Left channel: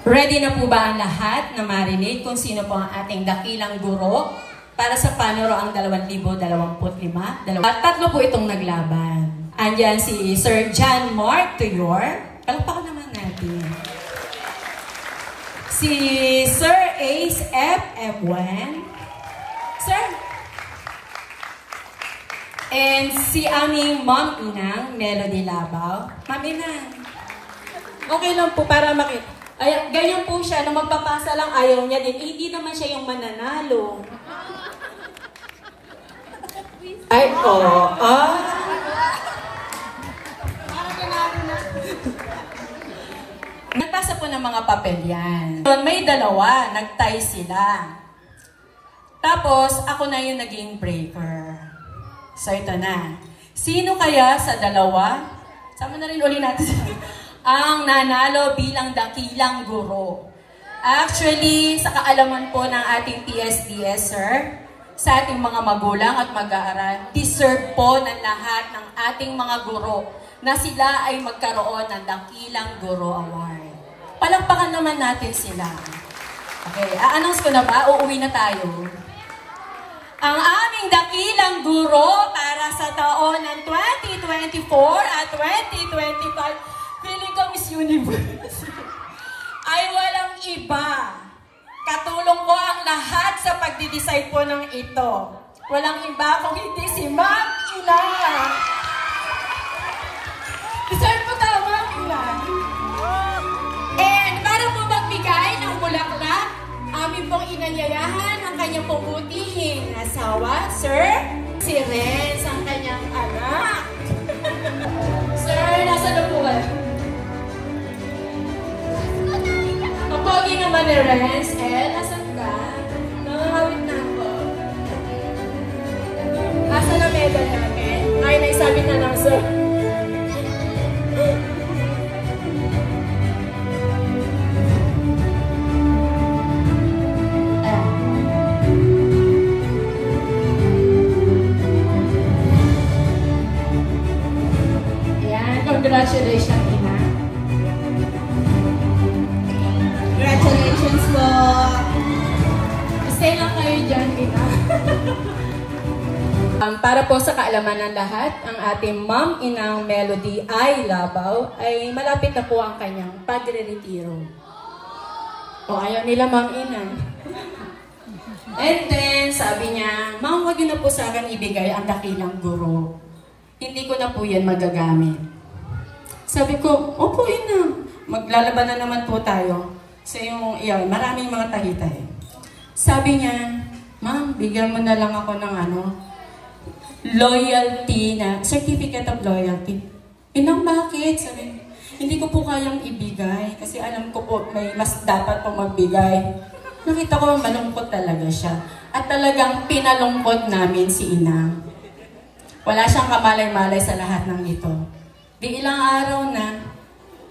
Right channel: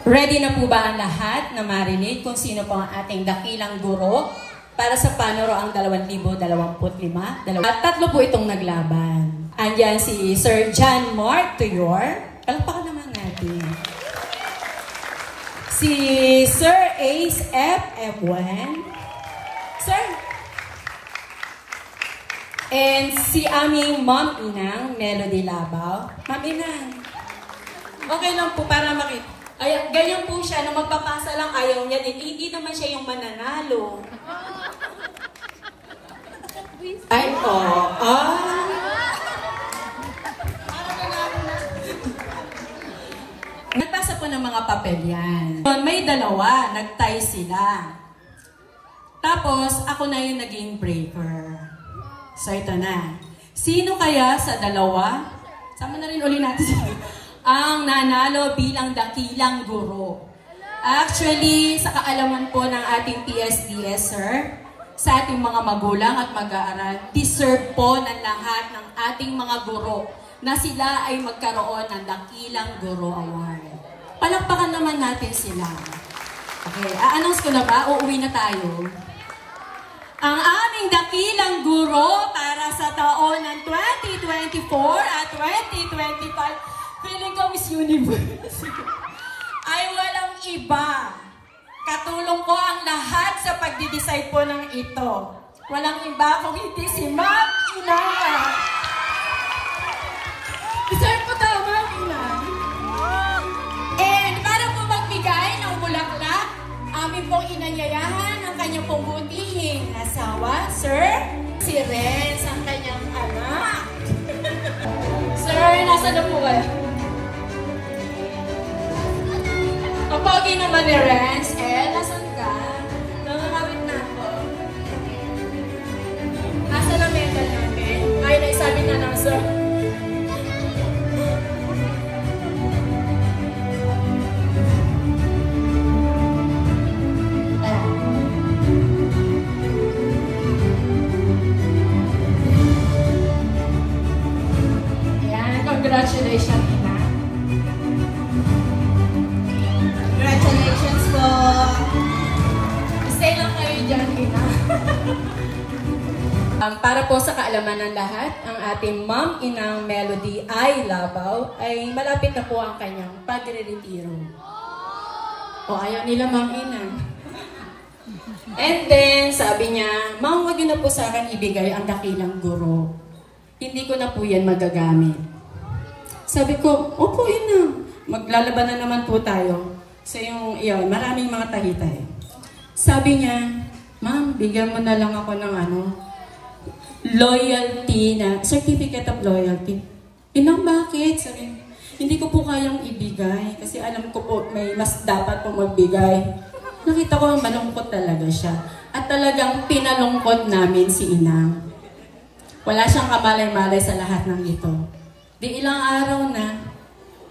Ready na po ba ang lahat na marinig kung sino po ang ating dakilang guro para sa Panoroang 2025? Tatlo po itong naglaban. Andiyan si Sir John Mark Tuyor. Palakpakan naman natin. Si Sir Ace F. M1. Sir. And si aming Ma'am Inang Melody Labaw. Ma'am Inang. Okay lang po para makita. Ay, ganyan po siya, nung magpapasa lang ayaw niya din. Hindi naman siya yung mananalo. Ay, oo. Nagpasa po ng mga papel yan. May dalawa, nag-tie sila. Tapos, ako na yung naging breaker. So, ito na. Sino kaya sa dalawa? Sama na rin uli natin siya. Ang nanalo bilang dakilang guro. Actually, sa kaalaman po ng ating PSDS, sir, sa ating mga magulang at mag-aaral, deserve po ng lahat ng ating mga guro na sila ay magkaroon ng Dakilang Guro Award. Palakpakan naman natin sila. Okay, a-announce ko na ba? Uuwi na tayo. Ang aming dakilang guro para sa taon ng 2024 at 2025 feeling ko Miss Universe ay walang iba. Katulong ko ang lahat sa pagdi-decide po ng ito. Walang iba kung hindi si Ma'am Inanga. Deserve mo tama, Ma'am. And para po magbigay ng bulaklak, amin pong inanyayahan ang kanyang pumutihing asawa, Sir, si Renz, ang kanyang anak. Sir, nasa na po kayo? Kapagin naman ni Renz, nasan ka? Nangahawit na ako. Nasa na medal namin? Ay, naisabi na lang, sir. Ayan, congratulations, Ina. Congratulations po. Stay lang kayo dyan, Ina. Para po sa kaalaman ng lahat, ang ating Ma'am Inang Melody I. Labaw ay malapit na po ang kanyang pagre-retiro. O ayaw nila Ma'am Inang. And then, sabi niya, Ma'am, huwag niyo na po sa akin ibigay ang dakilang guro. Hindi ko na po yan magagamit. Sabi ko, opo Inang, maglalaban na naman po tayo. So yung iyon, maraming mga tahitay. Sabi niya, Ma'am, bigyan mo na lang ako ng loyalty na, certificate of loyalty. Inang, bakit? Sabi, hindi ko po kayang ibigay kasi alam ko po may mas dapat po magbigay. Nakita ko malungkot talaga siya. At talagang pinalungkot namin si Ina. Wala siyang kamalay-malay sa lahat ng ito. Di ilang araw na,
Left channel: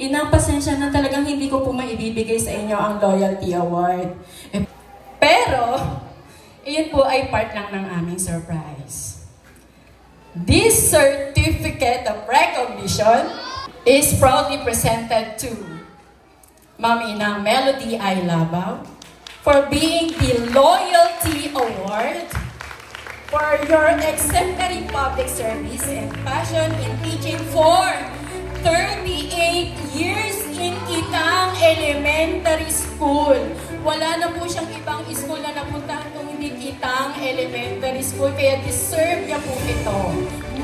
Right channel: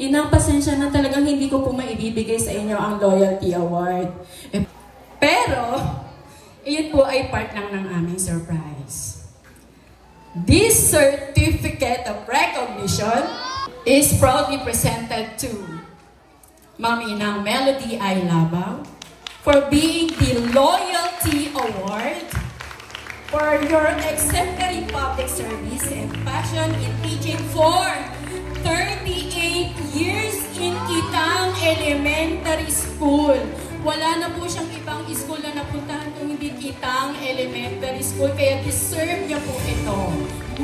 Ina, pasensya na talagang hindi ko po maibibigay sa inyo ang Loyalty Award. Pero, iyon po ay part lang ng aming surprise. This certificate of recognition is proudly presented to Ma'am Inang Melody I. Labaw for being the Loyalty Award for your exemplary public service and passion in teaching for 38 years in Kitang Elementary School. Wala na po siyang ibang school na napuntahan kung hindi Kitang Elementary School. Kaya deserve niya po ito.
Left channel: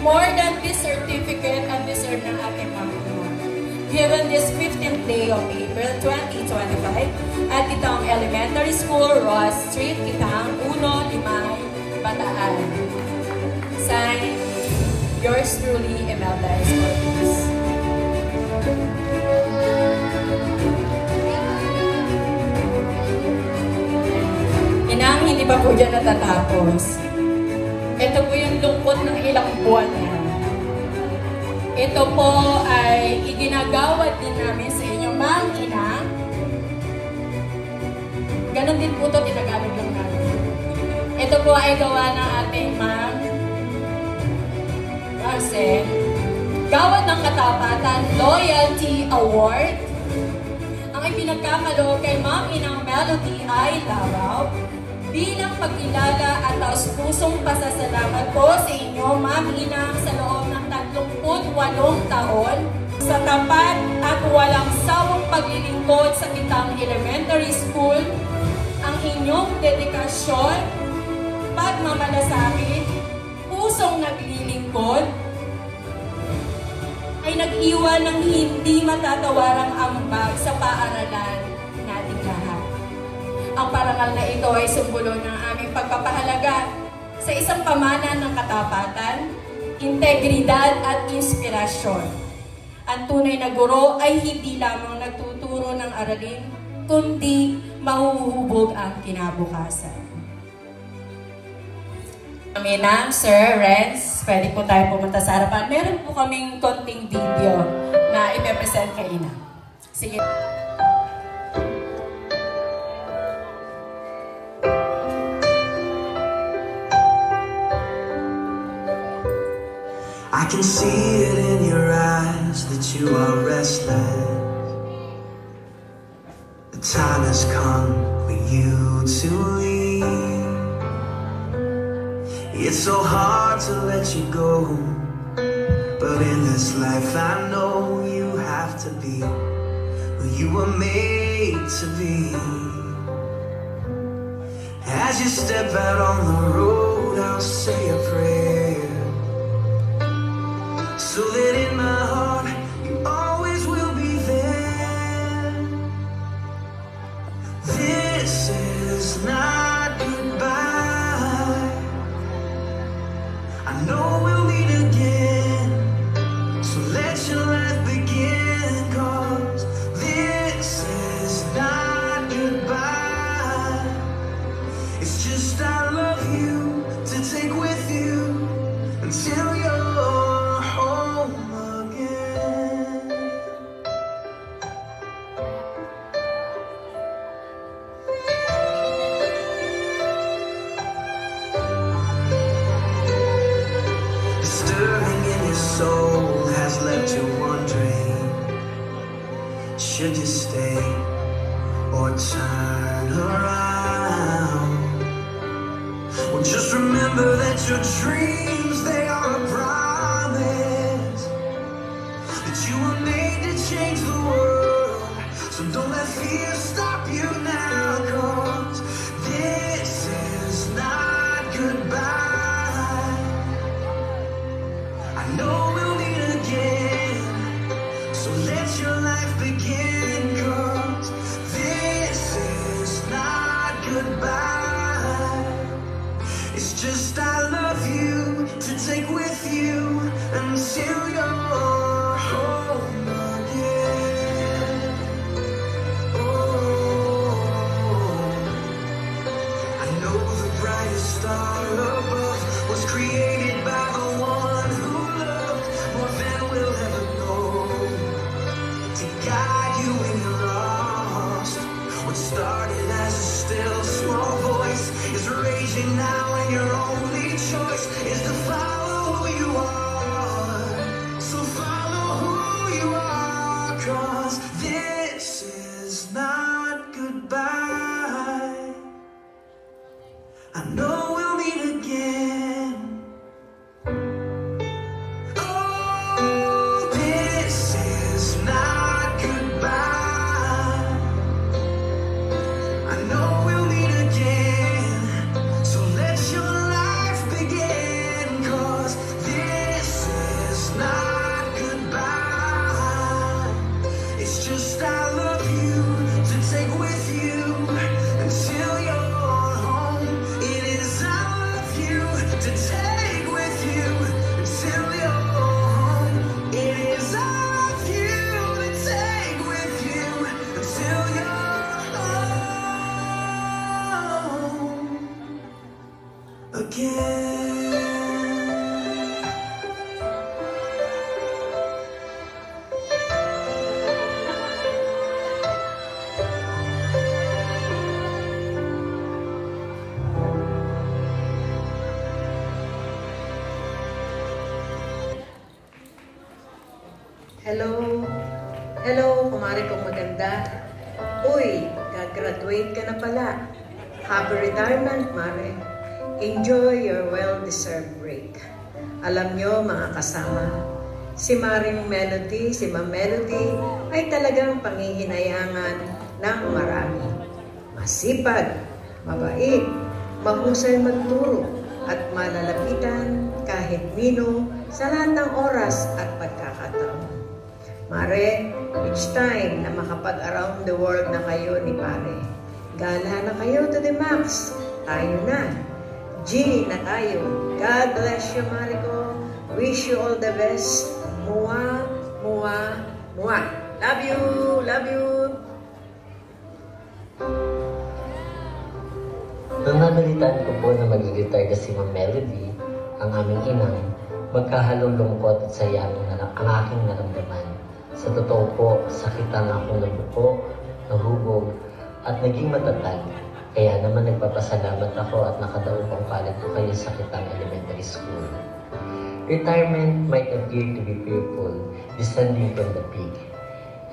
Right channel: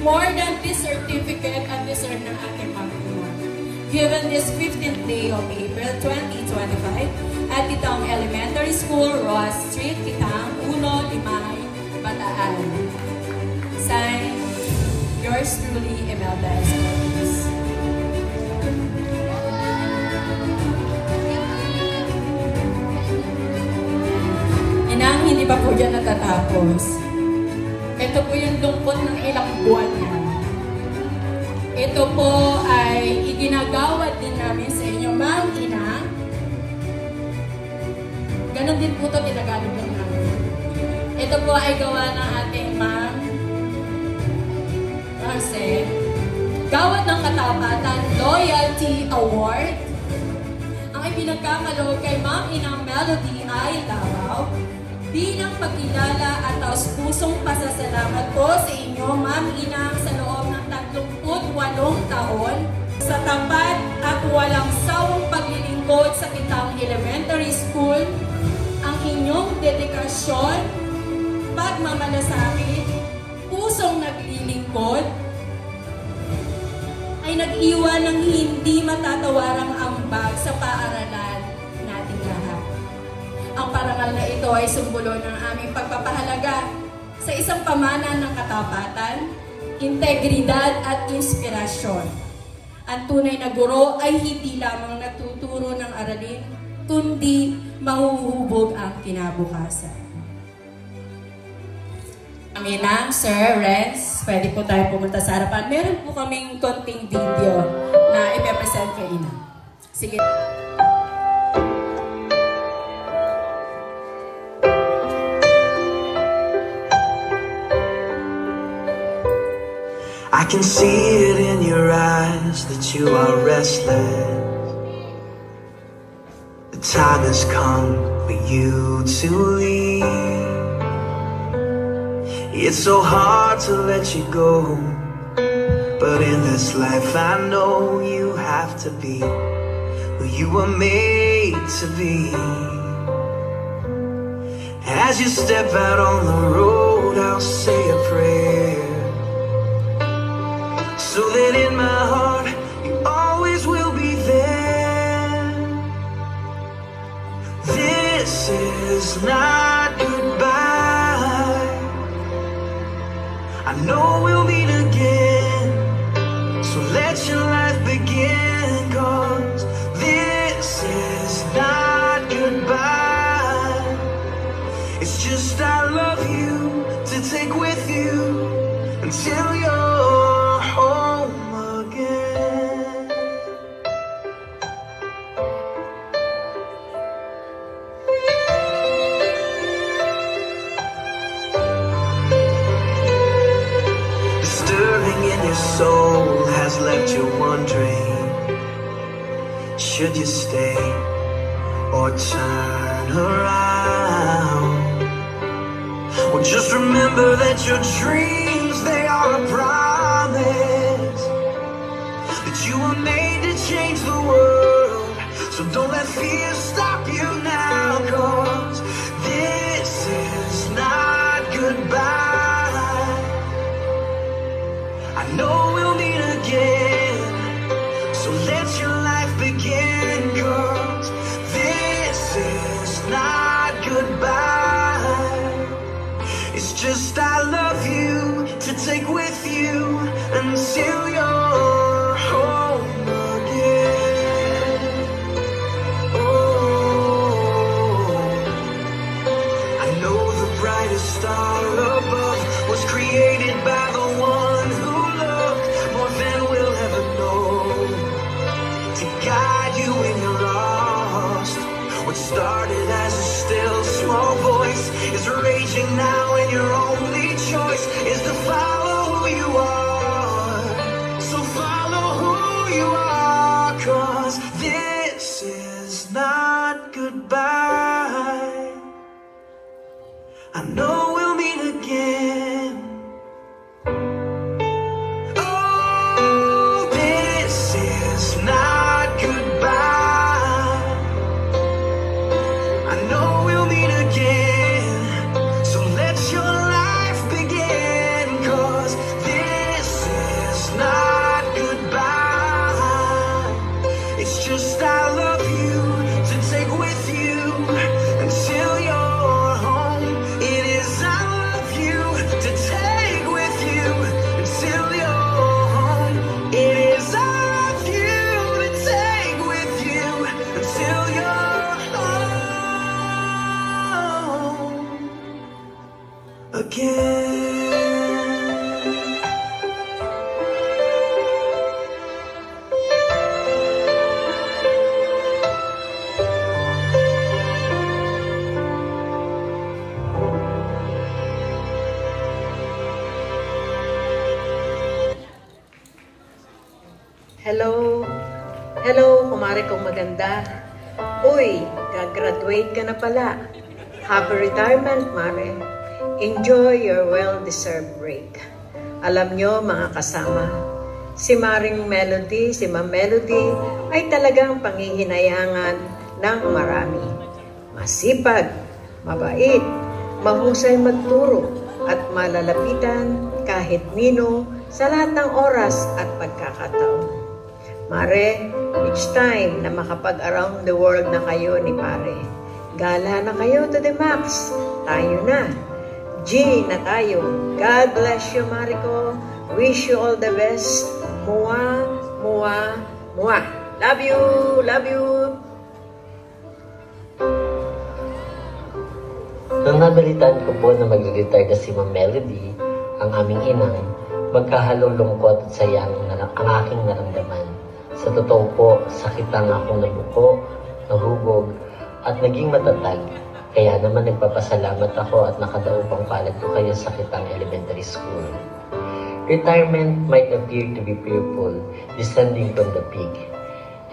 More than this certificate and deserve ng ating mga given this 15th day of April 2025 at Kitang Elementary School, Ross Street, Kitang, 1, Limay, Bataan. Signed, yours truly, Imelda Escortes. Inang, hindi pa po dyan natatapos. Ito po yung lungkot ng ilang buwan niya. Ito po ay iginagawad din namin sa inyo, Ma'am Ina. Ganon din po ito ginagamit din namin. Ito po ay gawa ng ating Ma'am Roxanne. Gawad ng Katapatan Loyalty Award. Ang pinagkamalo kay Ma'am Inang Melody ay laraw bilang pagkilala at taus-pusong pasasalamat po sa inyo, Ma'am Inang, sa loob ng 38 taon sa tapat at walang sawang paglilingkod sa Kitang Elementary School. Ang inyong dedikasyon, pagmamalasakit, pusong naglilingkod, ay nag-iwan ng hindi matatawarang ambag sa paaralan nating lahat. Ang parangal na ito ay simbolo ng aming pagpapahalaga sa isang pamana ng katapatan, integridad at inspirasyon. Ang tunay na guro ay hindi lamang nagtuturo ng aralin, kundi mahuhubog ang kinabukasan. Inang, Sir, Renz, pwede po tayo pumunta sa harapan. Meron po kaming konting video na ipepresent kay Inang. Sige. I can see it in your eyes that you are restless. The time has come for you to leave. It's so hard to let you go, but in this life I know you have to be who you were made to be. As you step out on the road, I'll say a prayer, so that in my heart you always will be there. This is not goodbye. I know we'll meet again, so let your life begin, 'cause this is not goodbye. It's just I love you to take with you until you're home again. Soul has left you wondering, should you stay or turn around? Well, just remember that your dreams, they are a promise, that you were made to change the world. So don't let fear stop you now, 'cause this is not goodbye. I know we'll meet again, so let your life begin, 'cause this is not goodbye. It's just I love you to take with you until you're home again. Oh, I know the brightest star above was created by the one who more than we'll ever know, to guide you when you're lost. What started as a still small voice is raging now, and your only choice is to follow who you are. So follow who you are, 'cause this is not goodbye. I know we'll meet again. Just I love you to take with you until you're home. It is I love you to take with you until you're home. It is I love you to take with you until you're home again. Hello. Hello, kumare kong maganda. Uy, gagraduate ka na pala. Happy retirement, Mare. Enjoy your well-deserved break. Alam nyo, mga kasama, si Maring Melody, si Ma'am Melody, ay talagang pangihinayangan ng marami. Masipag, mabait, mahusay magturo, at malalapitan kahit nino sa lahat ng oras at pagkakataon. Mare, each time na makapag-around the world na kayo ni Pare, gala na kayo to the max. Tayo na. G na tayo. God bless you, Mare ko. Wish you all the best. Mua, mua, mua. Love you. Love you. Nang nabalitaan ko po na mag-retire na si Ma'am Melody, ang aming inang, magkahalong lungkot at saya ang aking naramdaman. Sa totoo po, sakitan akong nagpo, nahubog, at naging matatag. Kaya naman nagpapasalamat ako at nakadaupang palad ko kayo sa Kitang Elementary School. Retirement might appear to be fearful, descending from the peak.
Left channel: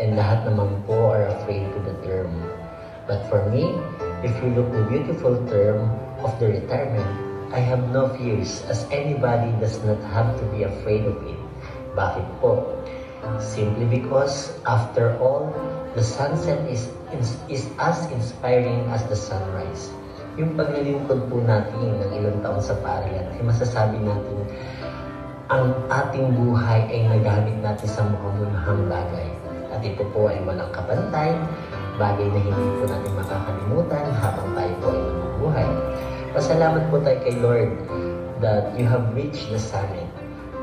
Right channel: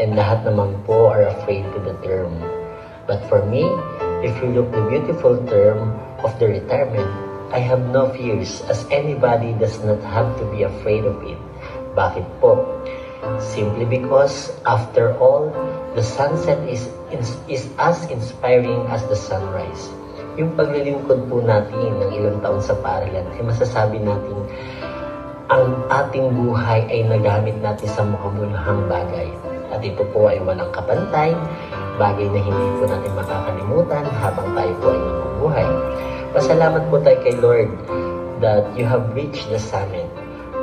And lahat naman po are afraid to the term. But for me, if you look the beautiful term of the retirement, I have no fears as anybody does not have to be afraid of it. Bakit po? Simply because, after all, the sunset is as inspiring as the sunrise. Yung paglilingkod po natin ng ilang taon sa paaralan, ay masasabi natin, ang ating buhay ay nagamit natin sa mabubunuhang bagay. At ito po ay walang kapantay, bagay na hindi po natin makakalimutan habang tayo po ay nabubuhay. Pasalamat po tayo kay Lord that you have reached the summit.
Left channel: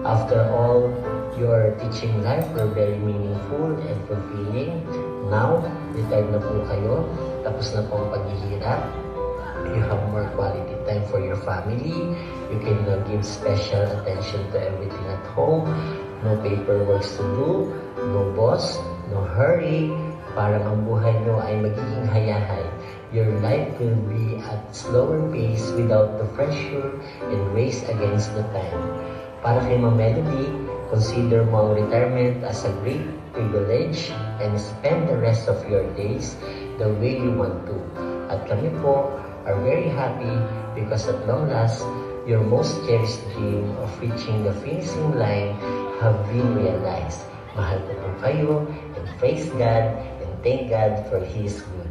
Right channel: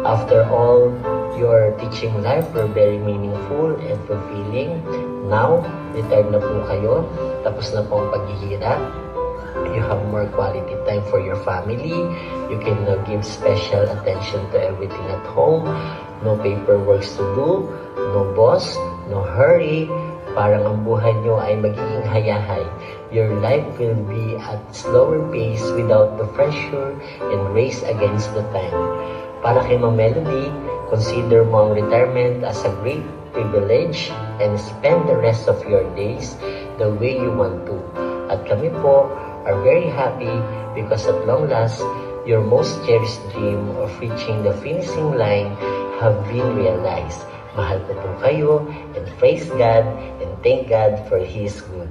After all, your teaching life were very meaningful and fulfilling. Now, retired na po kayo, tapos na po ang paghihirap. You have more quality time for your family. You can give special attention to everything at home. No paperwork to do, no boss, no hurry. Parang ang buhay nyo ay magiging hayahay. Your life will be at slower pace without the pressure and race against the time. Para kay Ma'am Melody, consider mo ang retirement as a great privilege and spend the rest of your days the way you want to. At kami po are very happy because at long last, your most cherished dream of reaching the finishing line have been realized. Mahal ko po kayo and praise God and thank God for His good.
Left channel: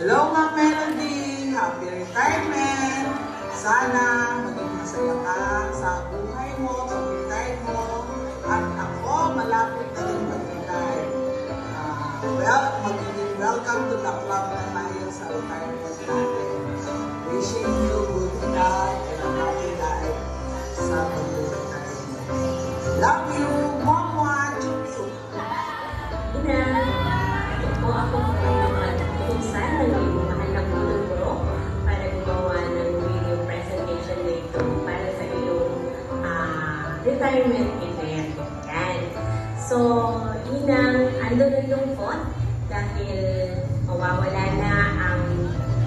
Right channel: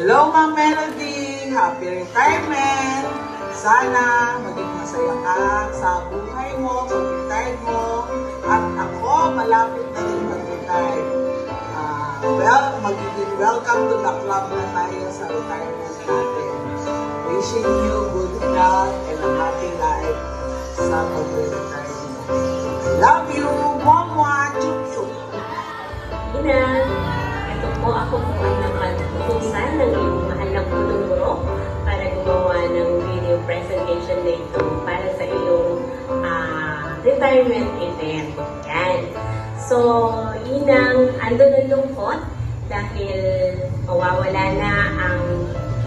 Hello, Ma'am Melody! Happy retirement! Sana maging masaya ka sa buhay mo, sa retire mo. At ako, malapit na rin mag-retire. Welcome to the club na tayo sa retirement natin. Wishing you good health and a happy life sa pag-retire. Love you! Mama! Chuchu! Ina, ito po ako kung saan naging mahal na po ng guro para gumawa ng video presentation na ito para sa iyong retirement event. Yan. So, Inang, ando na lungkot dahil mawawala na ang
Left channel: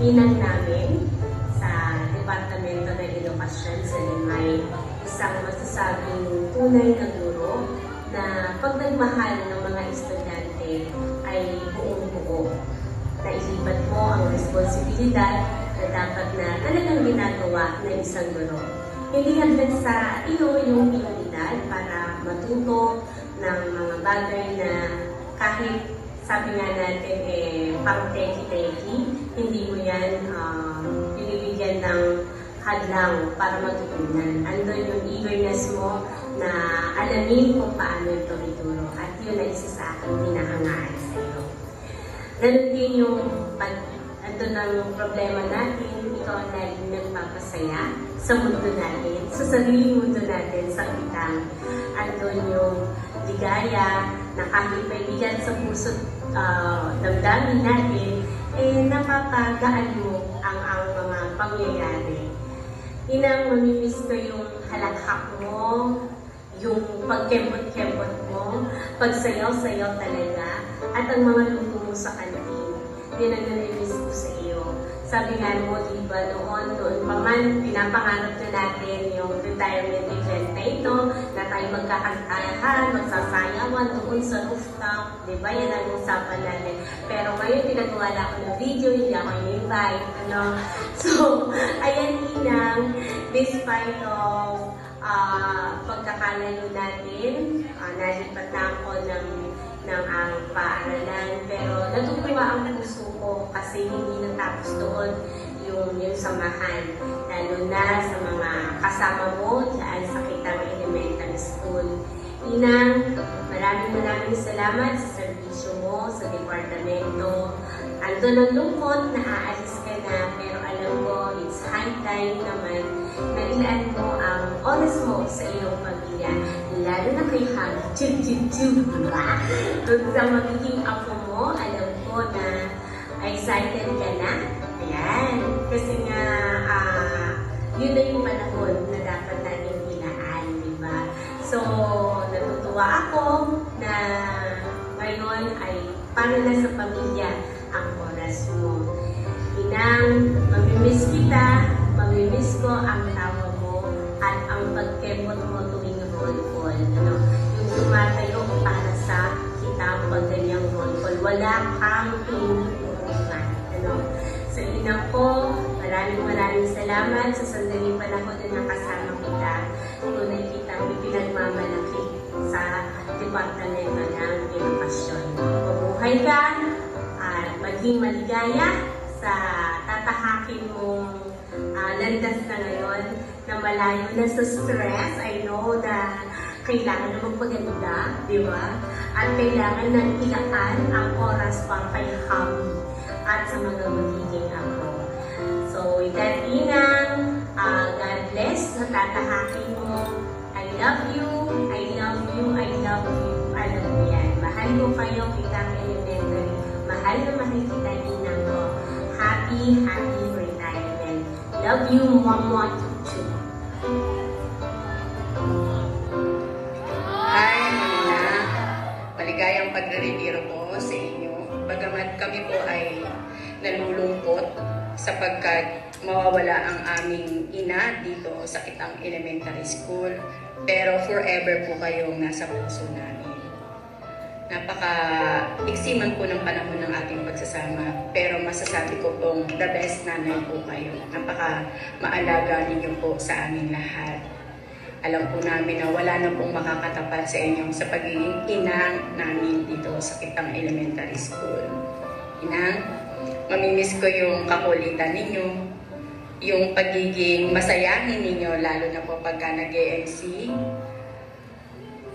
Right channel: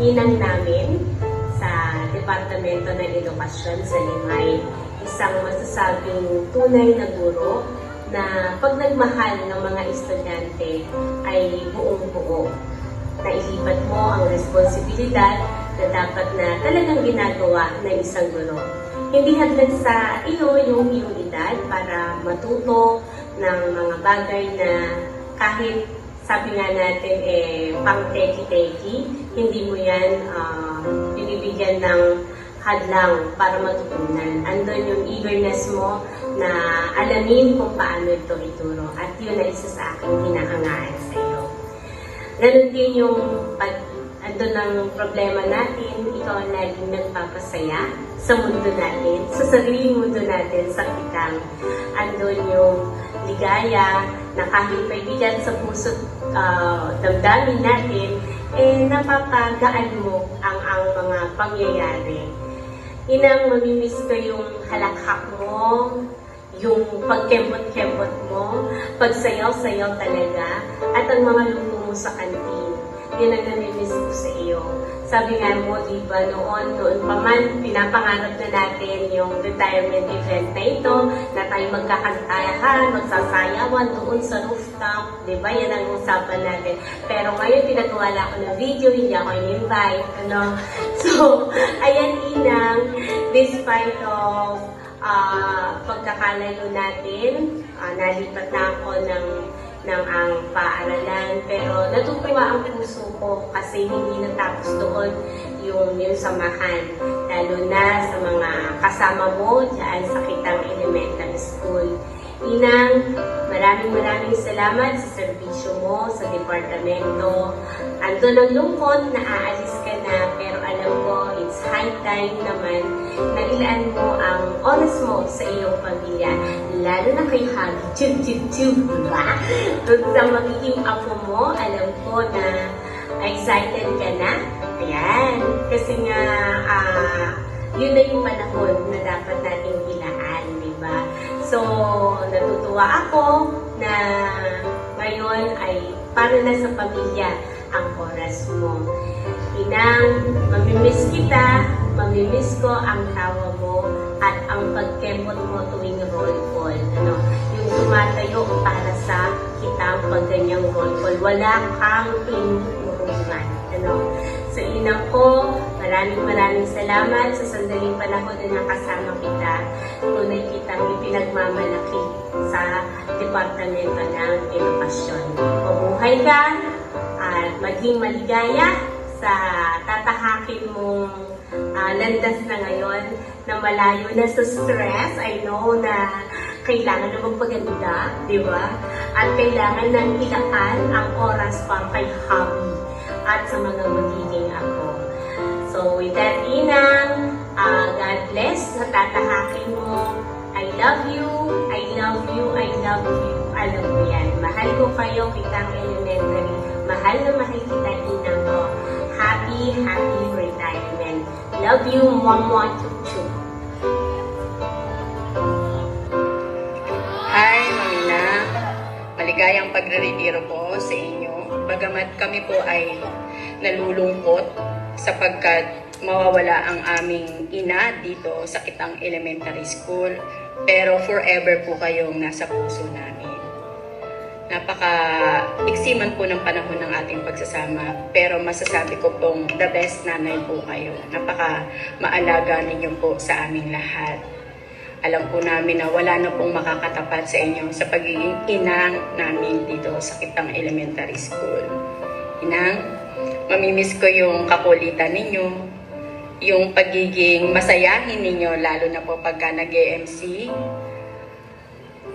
inang namin sa Departamento ng Edukasyon sa Limay. Isang masasabing tunay na guro na pag nagmahal ng mga estudyante ay buong-buo. Nailipat mo ang responsibilidad na dapat na talagang ginagawa ng isang guro. Hindi hanggang sa iyo yung prioridad para matuto ng mga bagay na kahit sabi nga natin pang teki-teki, hindi mo yan bibigyan ng hadlang para matutunan. Andun yung eagerness mo na alamin kung paano ito ituro. At yun ay isa sa aking hinahangaan sa iyo. Ganun din yung andun ang problema natin, ikaw ang laging nagpapasaya sa mundo natin, sa sariling mundo natin, sa kitang. Andun yung ligaya na kahit may bigat sa puso damdamin natin, napapagaan mo ang mga pangyayari. Inang mamimiss ko yung halakhak mo, yung pagkembot-kembot mo, pagsayaw-sayaw talaga, at ang mga luto mo sa kantin. Yun ang namimiss ko sa iyo. Sabi nga mo, diba, noon pa man, pinapangarap na natin yung retirement event na ito, na tayo magkakantayahan, magsasayawan doon sa rooftop, diba? Yan ang usapan natin. Pero ngayon, pinagawa na ako ng video, hindi ako in-invite, ano? So, ayan, Inang, despite of pagkakalayo natin, nalipat na ako ng ang paaralan, pero natutuwa ang puso ko kasi hindi natapos doon yung samahan, lalo na sa mga kasama mo dyan sa Kitang Elementary School. Inang, maraming salamat sa serbisyo mo sa departamento. Ando ng lungkot na aalis ka na, pero alam ko it's high time naman na ilaan mo ang oras mo sa iyong pamilya, lalo na kay Hub. Doon sa magiging ako mo, alam ko na excited ka na. Ayan. Kasi nga, yun na yung panahon na dapat natin ilaan, diba? So, natutuwa ako na ngayon ay para na sa pamilya ang oras mo. Inang, mamimiss kita, mamimiss ko ang tawa mo at ang pagkempot mo tuwing roll call. Ano? Yung tumatayo para sa kitang pagganyang roll call. Wala kang pinuruman. Ano? So, Inang ko, maraming salamat sa sandaling panahon na nakasama kita. Tunay kitang ipinagmamalaki sa Departamento ng Edukasyon. Mabuhay ka at maging maligaya sa tatahakin mong landas na ngayon na malayo na sa stress. I know na kailangan na magpaganda, di ba? At kailangan nang ilaan ang oras para kay hobby at sa mga magiging ako. So with that, Inang, God bless sa tatahakin mo. I love you, I love you, I love you. Alam mo yan. Mahal ko kayo, Kitang Elementary. Mahal na mahal kita, Inang mo. Happy retirement. Love you, Mama Chuchu. Hi, Nina. Maligayang pagre-retiro po sa inyo. Bagamat kami po ay nalulungkot sapagkat mawawala ang aming ina dito sa Kitang Elementary School. Pero forever po kayong nasa puso namin. Napaka-iksiman po ng panahon ng ating pagsasama. Pero masasabi ko pong the best nanay po kayo. Napaka-maalaga ninyo po sa aming lahat. Alam po namin na wala na pong makakatapat sa inyo sa pagiging ina namin dito sa Kitang Elementary School. Ina, mamimiss ko yung kakulitan ninyo, yung pagiging masayahin ninyo, lalo na po pagka nag-MC,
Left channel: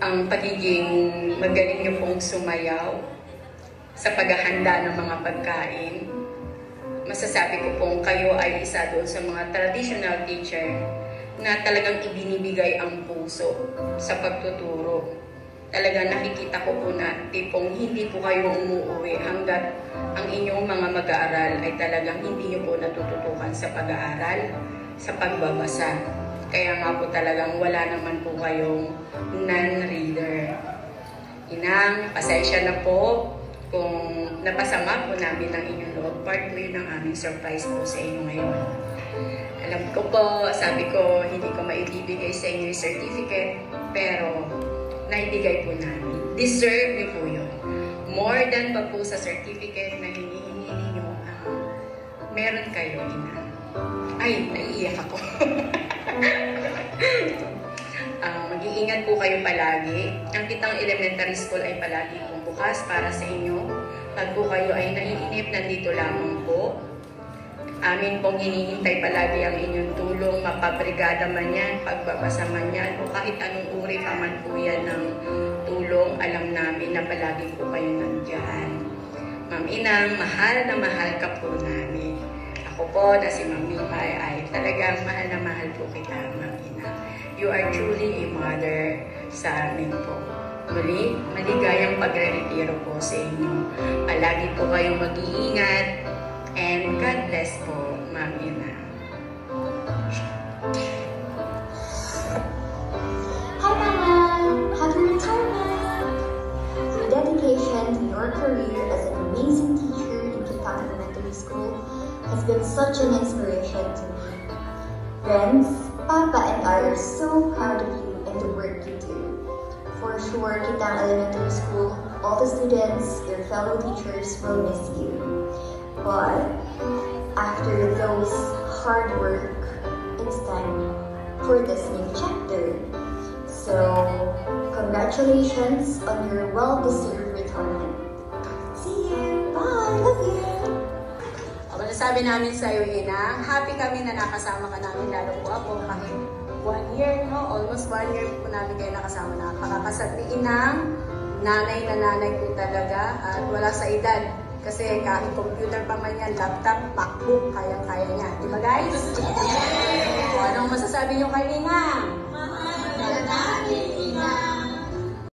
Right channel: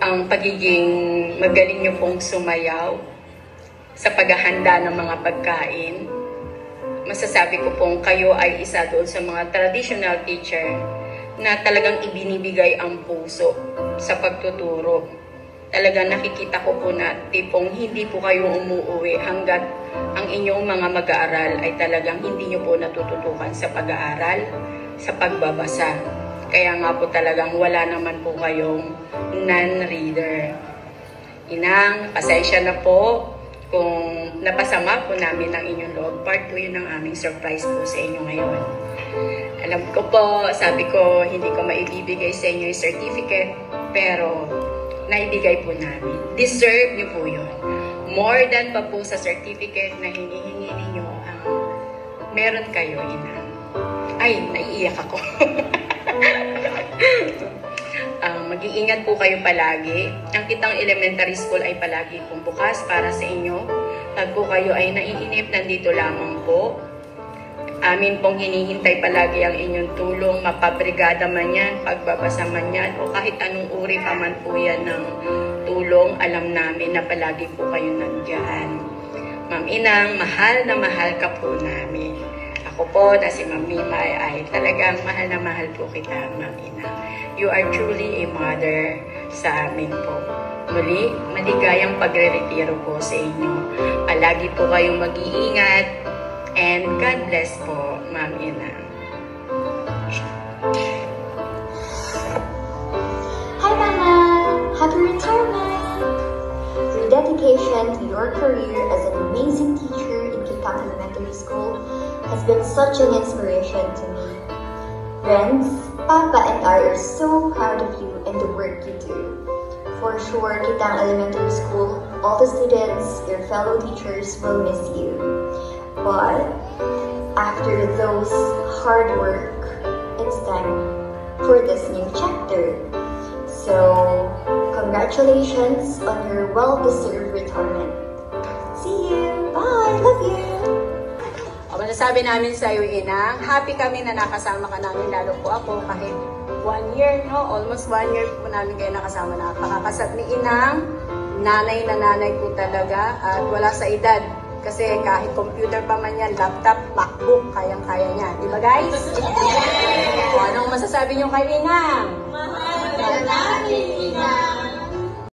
ang pagiging magaling nyo pong sumayaw sa paghahanda ng mga pagkain. Masasabi ko pong kayo ay isa doon sa mga traditional teacher na talagang ibinibigay ang puso sa pagtuturo. Talagang nakikita ko po na tipong hindi po kayo umuuwi hanggat ang inyong mga mag-aaral ay talagang hindi nyo po natututukan sa pag-aaral, sa pagbabasa. Kaya nga po talagang wala naman po kayong non-reader. Inang, pasensya na po kung napasama po namin ang inyong loob. Part po yun ng aming surprise po sa inyo ngayon. Alam ko po, sabi ko, hindi ko maibibigay sa inyo yung certificate, pero naibigay po namin. Deserve niyo po yun. More than pa po sa certificate na hinihingi ninyo ang meron kayo, Ina. Ay, naiiyak ako. Mag-iingat po kayo palagi. Ang Kitang Elementary School ay palagi pong bukas para sa inyo. Pag po kayo ay naiinip, nandito lamang po. Amin pong hinihintay palagi ang inyong tulong, mapabrigada man yan, pagbabasa man yan, o kahit anong uri pa man po yan ng tulong, alam namin na palagi po kayo nandiyan. Ma'am Inang, mahal na mahal ka po namin. Ako po na si Ma'am Mima ay talagang mahal na mahal po kita, Ma'am Inang. You are truly a mother sa amin po. Muli, maligayang pagre-retiro po sa inyo. Palagi po kayong mag-iingat. And God bless po, Ma'am Ina. Hi, Mama! Happy retirement! Your dedication to your career as an amazing teacher in Kitang been such an inspiration to me. Friends, Papa and I are so proud of you and the work you do. For sure, Kitang Elementary School, all the students, your fellow teachers will miss you. But after those hard work, it's time for this new chapter. So, congratulations on your well-deserved retirement. See you! Bye! Love you! Sabi namin sa iyo, Ina, happy kami na nakasama ka namin, lalo po ako kahit 1 year, no? Almost 1 year po namin kayo nakasama na. Pakakasat ni Inang, nanay na nanay po talaga at wala sa edad. Kasi kahit computer pa man yan, laptop, MacBook, kayang-kaya niya. Di ba guys? Anong masasabi niyo kay Inang? Mahal namin, Inang!